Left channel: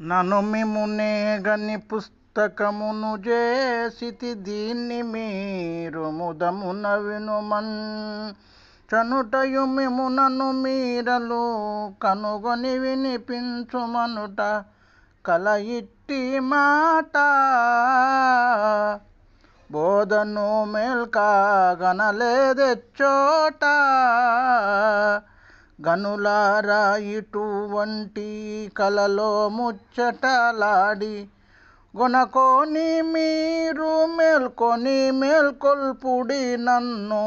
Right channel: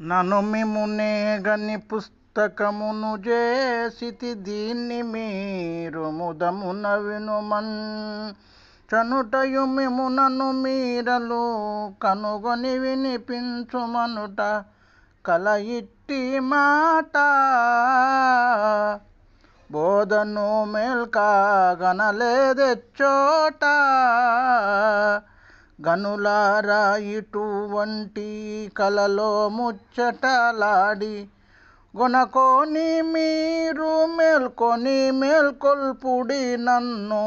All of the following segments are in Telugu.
నను మిమునే గని పుస్తకమును చేసితి దీన్ని మీరు ముదమున వినుమన్. చనుటయు మిము నన్ను మీరలు కనుగొని వినిపించుమనుట కల ఇట్టి మాట. బోధను మేల్కాగనలేదెచ్చోట. గనులారా ఇటువంటి కలలో ముచ్చటలాడి గొనకొని మీరు మేల్కొని మేల్కొల్పుడి నన్ను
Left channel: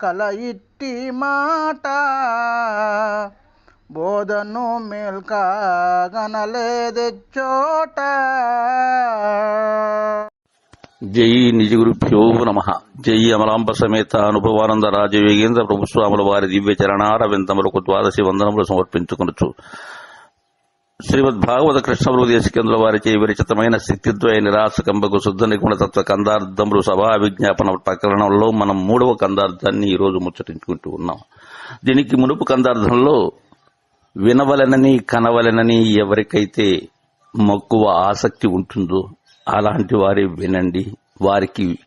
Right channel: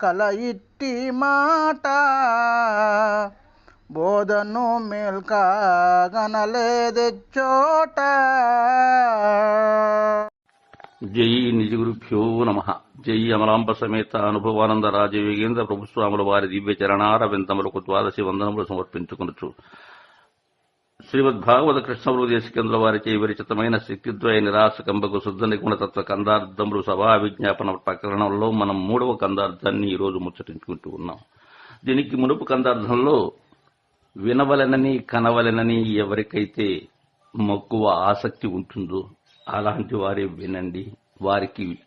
కల ఇట్టి మాట బోధను మేల్కాగనలేదెచ్చోట జై నిజగురుభ్యో నమ. జై అమలాంబ సమేత అనుభవానంద రాజయోగేంద్ర ప్రభుస్వాముల వారి దివ్య చరణార విందములకు ద్వాదశి వందనములు సమర్పించుకొనొచ్చు శ్రీమద్ భాగవత కృష్ణ దేశకేంద్ర వారిచే విరచితమైన శక్తిద్వయ నిరాశకంబకు శుద్ధ నిగుణ తత్వ కందార్థములు సభా విజ్ఞాపన ప్రకరణంలో మనం మూడవ కందార్థాన్ని ఈరోజు ముచ్చటించుకుంటూ ఉన్నాం. దీనికి మునుపు కందార్థంలో వినవలెనని కనవలెనని ఎవరికైతే మక్కువ ఆసక్తి ఉంటుందో అలాంటి వారి వినండి. వారికి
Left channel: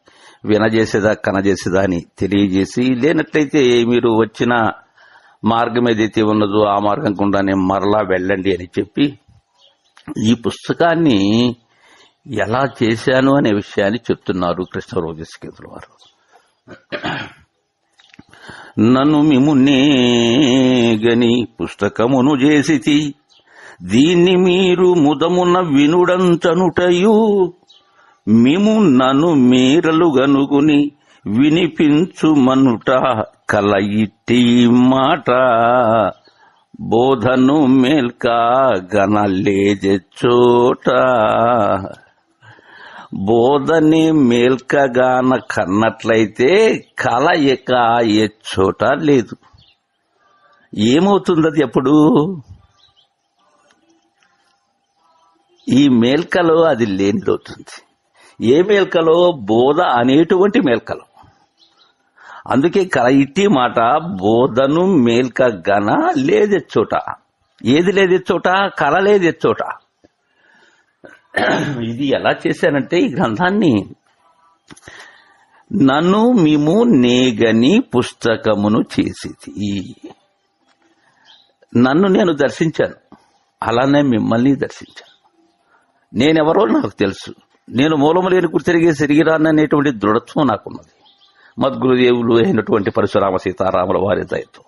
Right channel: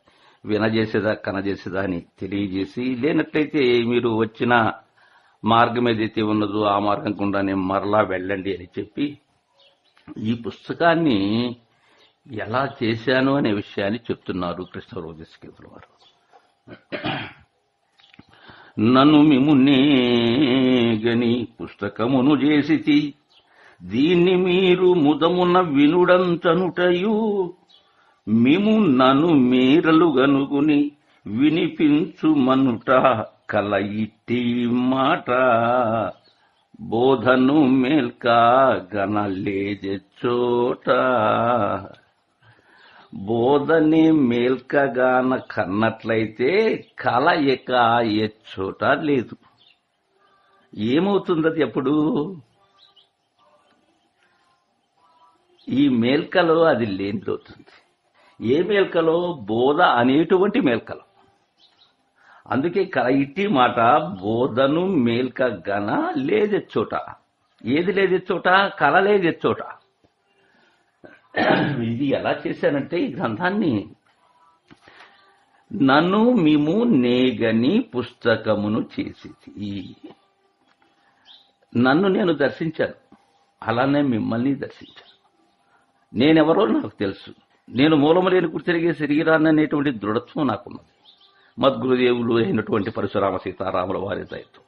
వినజేసేదా కనజేసేదా అని తెలియజేసి లేనట్లయితే మీరు వచ్చిన మార్గం ఏదైతే ఉన్నదో ఆ మార్గం గుండానే మరలా వెళ్ళండి అని చెప్పి ఈ పుస్తకాన్ని ఎలా చేశాను అనే విషయాన్ని చెప్తున్నారు కృష్ణరోజస్కేతుల వారు. నన్ను మిమునే గని పుస్తకమును చేసి దీన్ని మీరు ముదమున వినుడంతనుటయు మిము నన్ను మీరలు గనుగుని వినిపించుమనుట కల ఇట్టి మాట. బోధను మేల్క గనలేజెచ్చోట బోధని మేల్కగాన కన్నట్లయితే కలయిక ఎచ్చోట లేదు. ఏమవుతుంది అది ఎప్పుడు ఈ మేల్కలో అది లేనిదవుతుంది. ఏ మేల్కలో బోధ అనేటువంటి మేల్కలు. అందుకే కల ఇట్టి మాట బోధను మేల్క గన లేదెచ్చోట ఏది లేదెచ్చోట కల లేదెచ్చోట ఇది ఎలా చేశానంటే ఈ గ్రంథాన్ని నన్ను మేము నేగని పుస్తకమును చేసేది నన్ను నేను దర్శించాను. అలానే మిమ్మల్ని దర్శించాను. నేనెవరో నాకు తెలుసు. నేను మూలము లేని తిరిగే శరీరాన్ని దృఢత్వం నాకున్నది. మద్గురుదేవులు అయినటువంటి పరశురామ సీతారాముల వారి దయతో.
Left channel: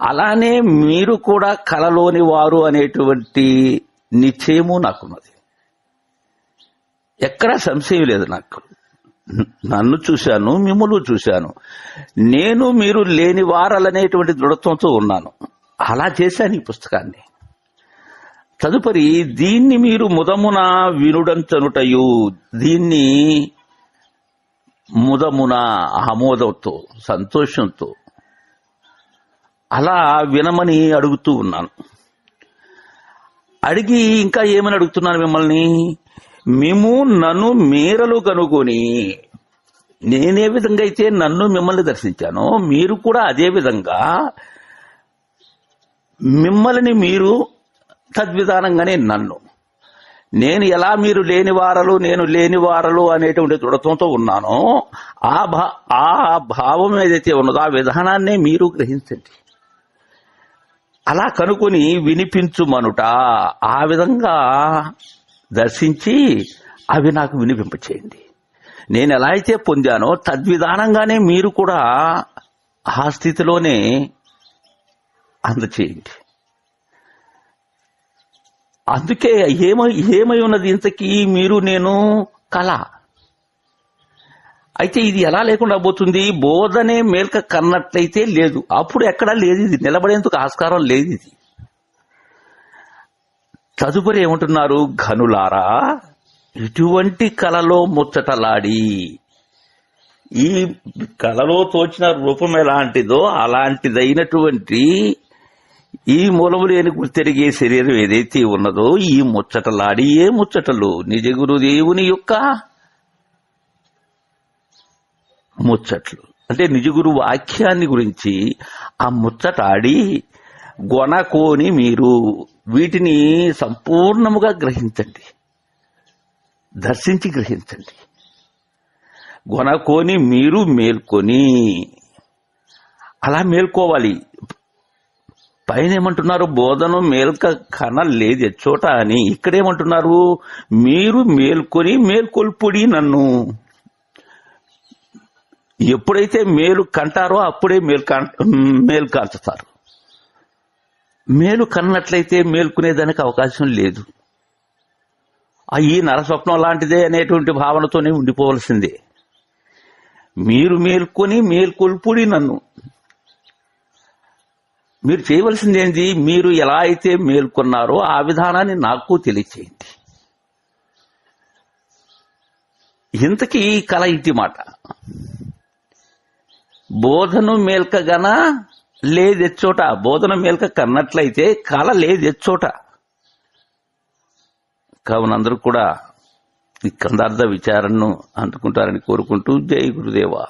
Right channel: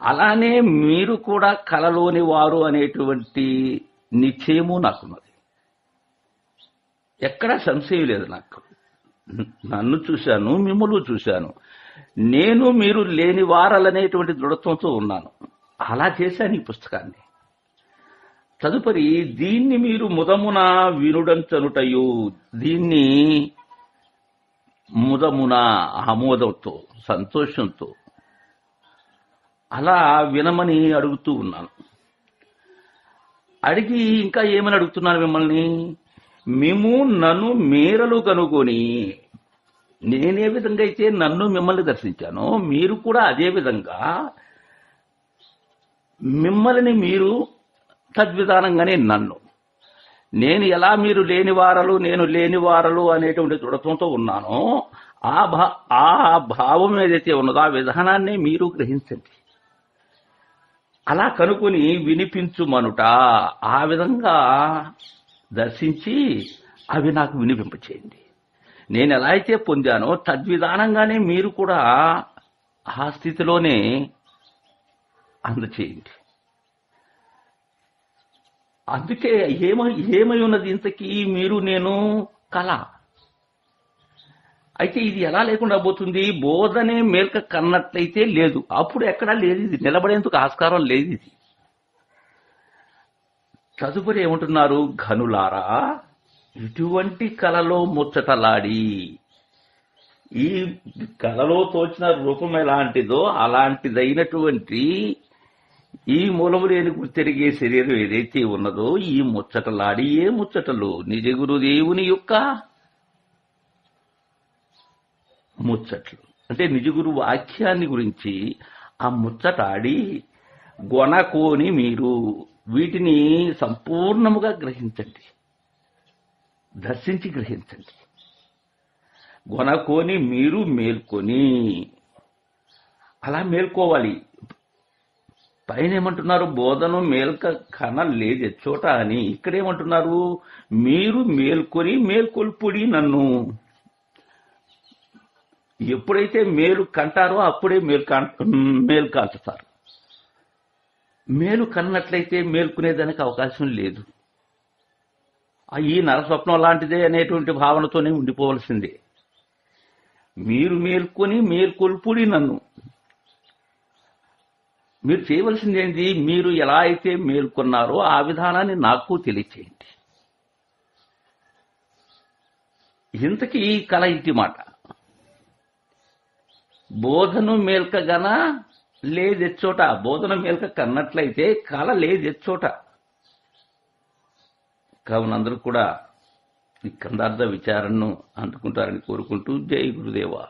అలానే మీరు కూడా కలలోని వారు అనేటువంటి నిశ్చయము నాకున్నది. ఎక్కడా సంశయం లేదు నాకు. నన్ను చూశాను మిమ్మల్ని చూశాను. నేను మీరు లేని వారలనేటువంటి దృఢత్వంతో ఉన్నాను. అలా చేశాను ఈ పుస్తకాన్ని. తదుపరి దీన్ని మీరు ముదమున వినుడంచనుటయు దీన్ని ముదమున ఆమోదంతో సంతోషంతో అలా వినమని అడుగుతూ ఉన్నాను. అడిగి ఇంకా ఏమని అడుగుతున్నాను మిమ్మల్ని? మేము నన్ను మేరలు కనుగొని నేనే విధంగా అయితే నన్ను మిమ్మల్ని దర్శించానో. మీరు కూడా అదే విధంగా మిమ్మల్ని మీరు తద్విధానంగానే నన్ను. నేను ఎలా మీరు లేని వారలు నేను లేని వారలు అనేటువంటి దృఢత్వంతో ఉన్నానో ఆ భా ఆ భావం ఏదైతే ఉన్నదో ఆ విధానాన్నే మీరు గ్రహించండి. అలా కనుకొని వినిపించుమనుట ఆ విధంగా దర్శించి అవి నాకు వినిపింపచేయండి. నేను ఎలా అయితే పొందానో తద్విధానంగానే మీరు కూడా ఆ స్థితిలోనే అందచేయండి. అందుకే ఏమై ఏమై ఉన్నది ఇంతకీ మీరు నేను కళ. అయితే ఇది ఎలా లేకుండా పోతుంది? బోధనే మేల్క కన్నట్లయితే లేదు. అప్పుడు ఎక్కడా లేదు ఇది. నిలబడేందుకు ఆస్కారం లేదు ఇది. తదుపరి ఏమంటున్నారు? ఘనులారా ఇటువంటి కలలో ముచ్చటలాడి ఈ కలలో తోచిన రూపం ఎలాంటిదో అలాంటిదైనటువంటి ఈ మూలము లేని తిరిగే శరీరం ఏదైతే ఉన్నదో ఈ ముచ్చటలాడి ఏ ముచ్చటలు. నిజ గురుదేవుని యొక్క ముచ్చట్లు. అంటే నిజగురు వాక్యాన్ని గురించి ఆ ముచ్చటాడి గొనకోని మీరు వీటిని సంపూర్ణముగా గ్రహించండి. దర్శించి గ్రహించండి. గొనకోని మీరు మేల్కొని అలా మేల్కోవాలి. పైన ఏమంటున్నారు బోధన మేల్క కన లేదు చోట అని. ఇక్కడేమంటున్నారు? మీరు మేల్కొని మేల్కొల్పుడి నన్ను. ఎప్పుడైతే మేలు కంటారో అప్పుడే మేలు మేలు కాల్చుతారు మేలు కన్నట్లయితే మేల్కొనేదానికి అవకాశం లేదు. ఈ నరస్వప్నం లాంటిదే అనేటువంటి భావనతోనే ఉండిపోవలసిందే. మీరు మేల్కొని మేల్కొల్పుడి నన్ను. మీరు చేయవలసింది ఏంటి మీరు ఎలా అయితే మేల్కొన్నారో ఆ విధానాన్ని నాకు తెలియచేయండి. ఇంతకీ ఈ కళ ఇంటి మాట. బోధను మేల్కగన? లేదెచ్చోట. బోధన మేల్క కన్నట్లయితే కళ లేదెచ్చోట. కావున అందరూ కూడా ఈ కందార్థ విచారణను అందుకుంటారని కోరుకుంటూ జై గురుదేవా.